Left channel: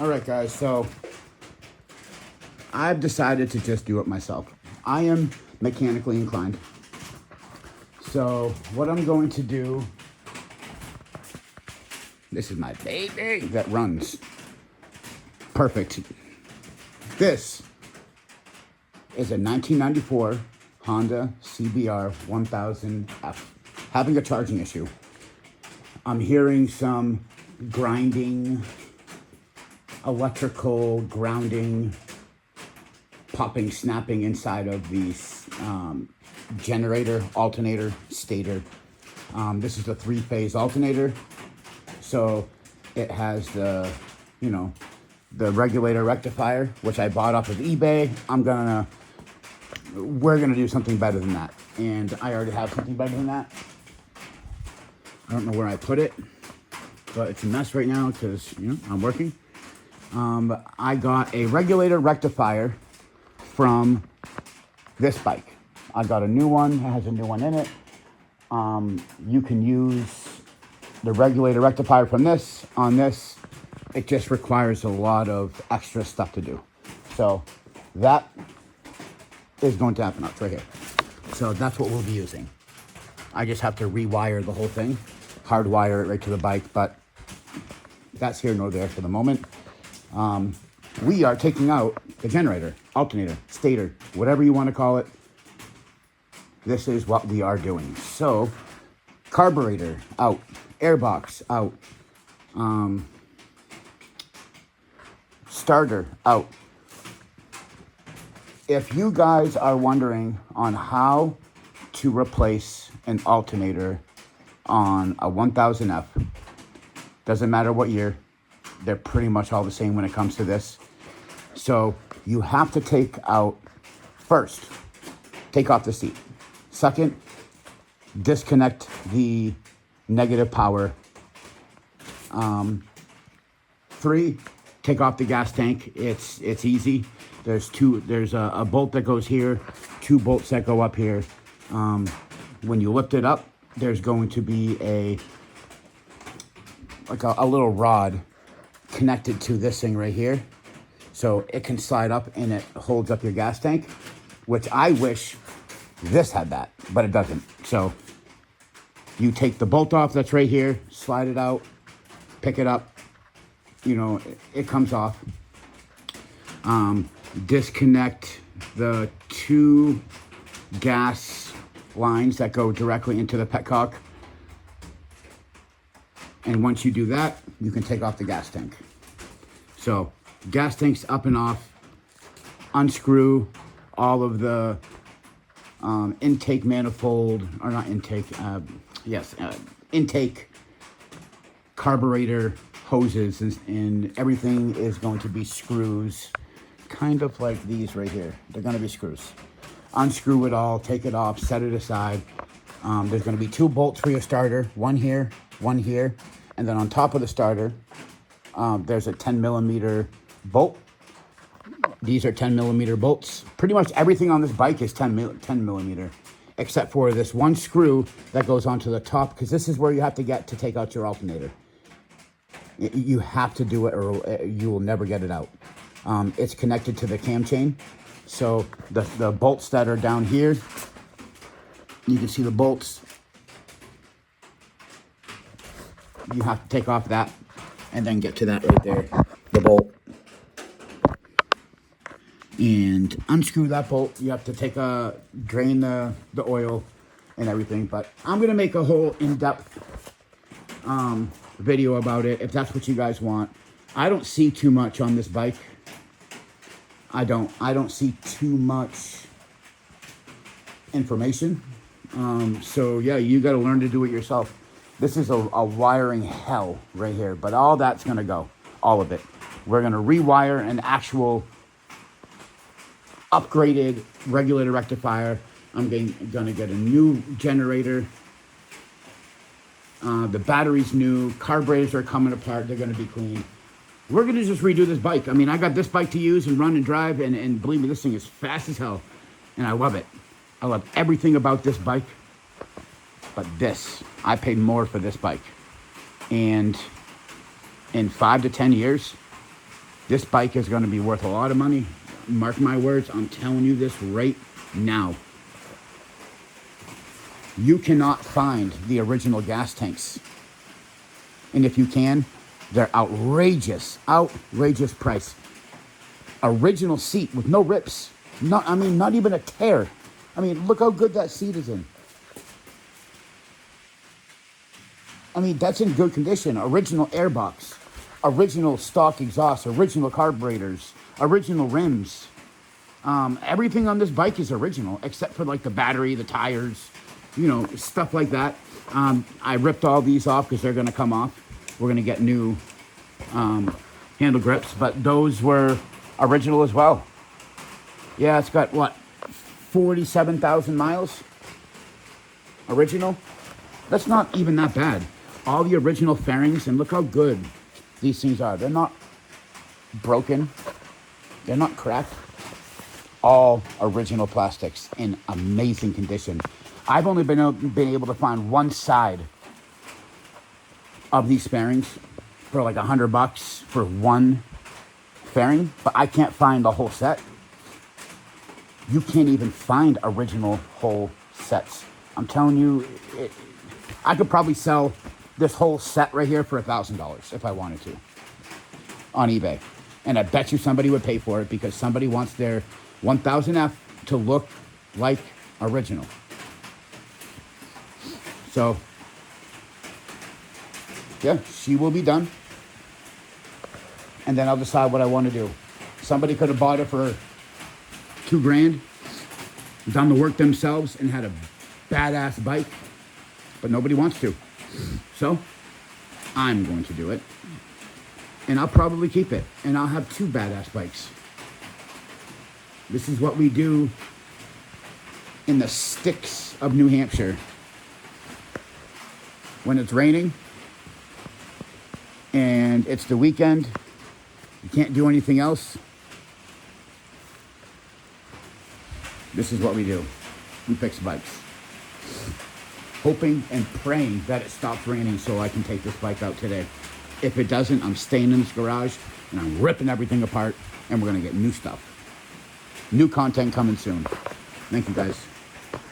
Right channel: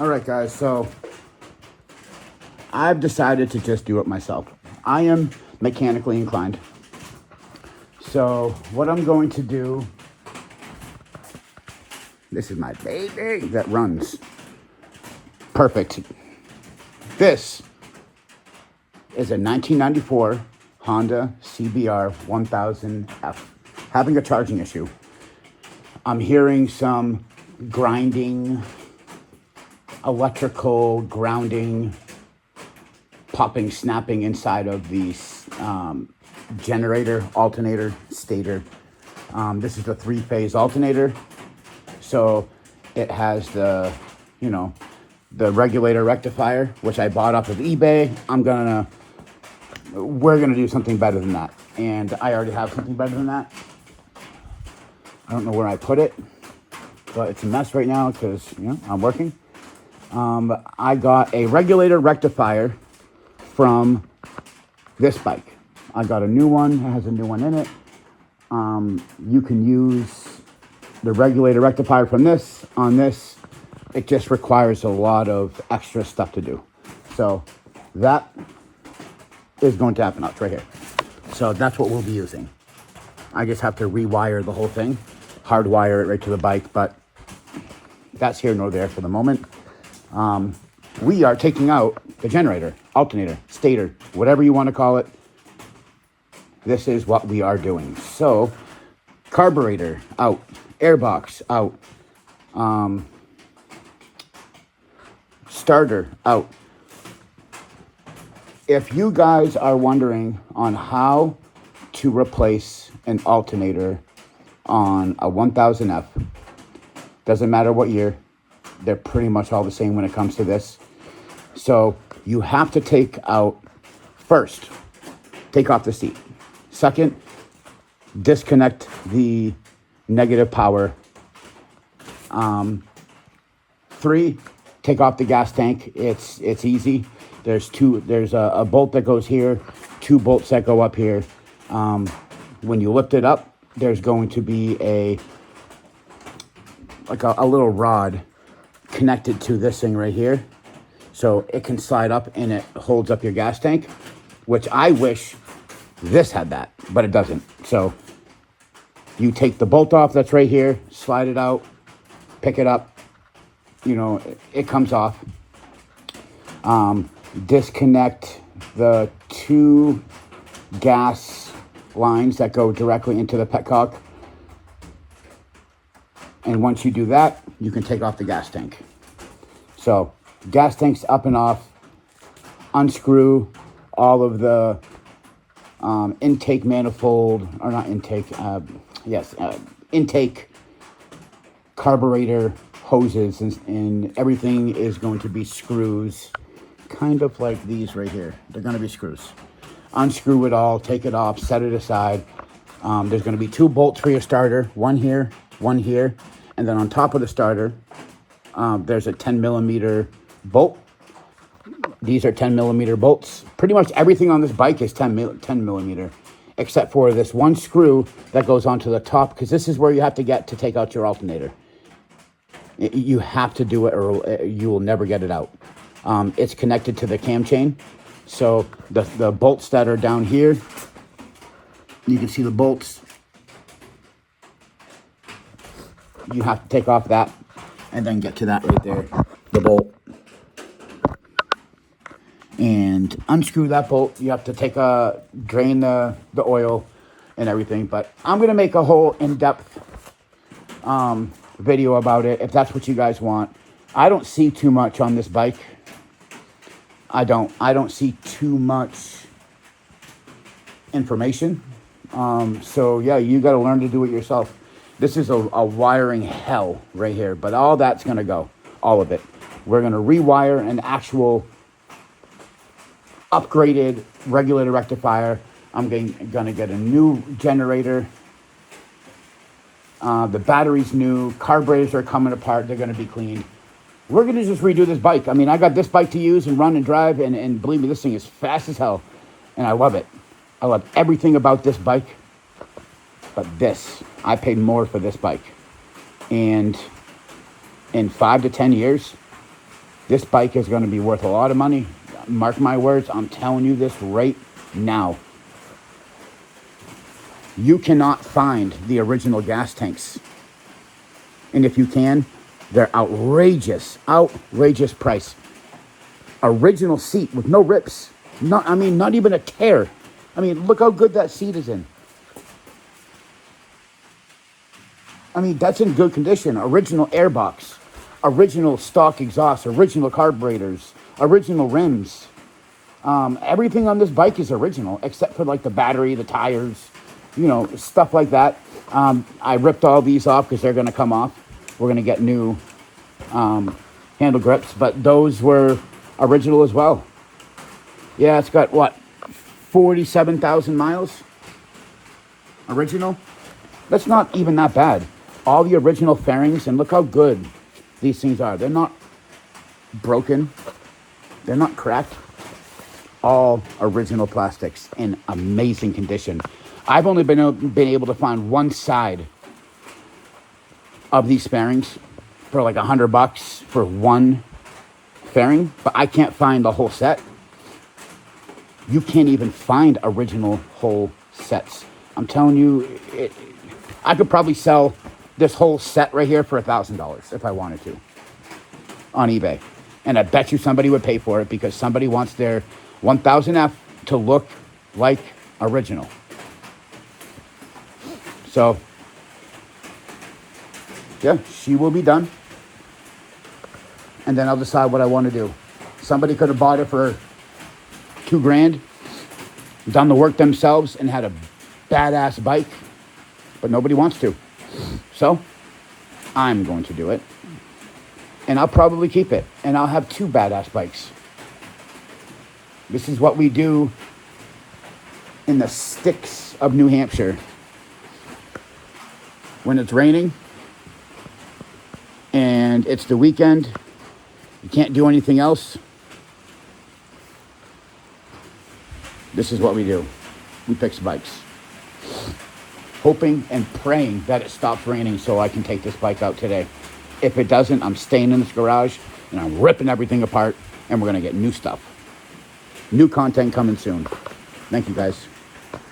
All right, guys, so I've decided to just do it myself. I am mechanically inclined. So what I'm going to do, this is my baby that runs. Perfect. This is a 1994 Honda CBR 1000F. Having a charging issue. I'm hearing some grinding, electrical grounding, popping, snapping inside of the generator, alternator, stator. This is a 3-phase alternator. So it has the, the regulator rectifier, which I bought off of eBay. We're gonna do something better than that. And I already have something better than that. I don't know where I put it, but it's a mess right now because, I'm working. I got a regulator rectifier from this bike. I got a new one. It has a new one in it. You can use the regulator rectifier from this on this. It just requires a lot of extra stuff to do. So that is going to happen. It's right here. So that's what we'll be using. I just have to rewire the whole thing, hardwire it right to the bike, but that's here nor there for the moment. We are taking out the generator, alternator, stator, whatever you want to call it. This is what we are doing. So, carburetor out, airbox out, starter out. If you guys are wondering on how to replace an alternator on a 1000F, doesn't matter what year, they're pretty much all the same when it comes to this. So you have to take out, first, take off the seat. Second, disconnect the negative power. 3, take off the gas tank. It's easy. There's a bolt that goes here, 2 bolts that go up here. When you lift it up, there's going to be a little rod connected to this thing right here. So it can slide up and it holds up your gas tank, which I wish this had that, but it doesn't. So you take the bolt off that's right here, slide it out, pick it up, it comes off. Disconnect the 2 gas lines that go directly into the petcock. And once you do that, you can take off the gas tank. So gas tank's up and off. Unscrew all of the intake manifold, or not intake, intake carburetor hoses, and everything is going to be screws, kind of like these right here. They're going to be screws. Unscrew it all, take it off, set it aside. There's going to be 2 bolts for your starter, one here, and then on top of the starter, there's a 10mm bolt. These are 10mm bolts. Pretty much everything on this bike is 10mm, except for this one screw that goes onto the top, because this is where you have to get to take out your alternator. You have to do it or you will never get it out. It's connected to the cam chain. So the bolts that are down here, you can see the bolts. You have to take off that and then get to that right there, the bolt. And unscrew that bolt. You have to drain the oil and everything. But I'm going to make a whole in-depth video about it if that's what you guys want. I don't see too much on this bike. I don't see too much information. So yeah, you got to learn to do it yourself. This is a wiring hell right here, but all that's going to go, all of it. We're going to rewire an actual upgraded regulator rectifier. I'm going to get a new generator. The battery's new. Carburetors are coming apart. They're going to be cleaned. We're going to just redo this bike. I mean, I got this bike to use and run and drive, and believe me, this thing is fast as hell, and I love it. I love everything about this bike. But this, I paid more for this bike. And in 5 to 10 years, This bike is going to be worth a lot of money. Mark my words, I'm telling you this right now. You cannot find the original gas tanks. And if you can, they're outrageous price. Original seat with no rips. Not even a tear. I mean, look how good that seat is in. I mean, that's in good condition. Original airbox, original stock exhaust, original carburetors, original rims. Everything on this bike is original, except for like the battery, the tires, stuff like that. I ripped all these off because they're going to come off. We're going to get new handle grips, but those were original as well. Yeah, it's got, what, 47,000 miles? Original? That's not even that bad. All the original fairings, and look how good these things are. They're not broken. They're not cracked. All original plastics in amazing condition. I've only been able to find one side of these fairings for like $100 for one fairing, but I can't find the whole set. You can't even find original whole sets. I'm telling you, I could probably sell this whole set right here for $1,000 if I wanted to on eBay. And I bet you somebody would pay for it because somebody wants their 1000F to look like original. So, yeah, she will be done. And then I'll decide what I want to do. Somebody could have bought it for $2,000, done the work themselves, and had a badass bike, but nobody wants to. So, I'm going to do it. And I'll probably keep it. And I'll have 2 badass bikes. This is what we do in the sticks of New Hampshire. When it's raining and it's the weekend, you can't do anything else. This is what we do. We fix bikes. Hoping and praying that it stops raining so I can take this bike out today. If it doesn't, I'm staying in this garage and I'm ripping everything apart and we're going to get new stuff. New content coming soon. Thank you, guys.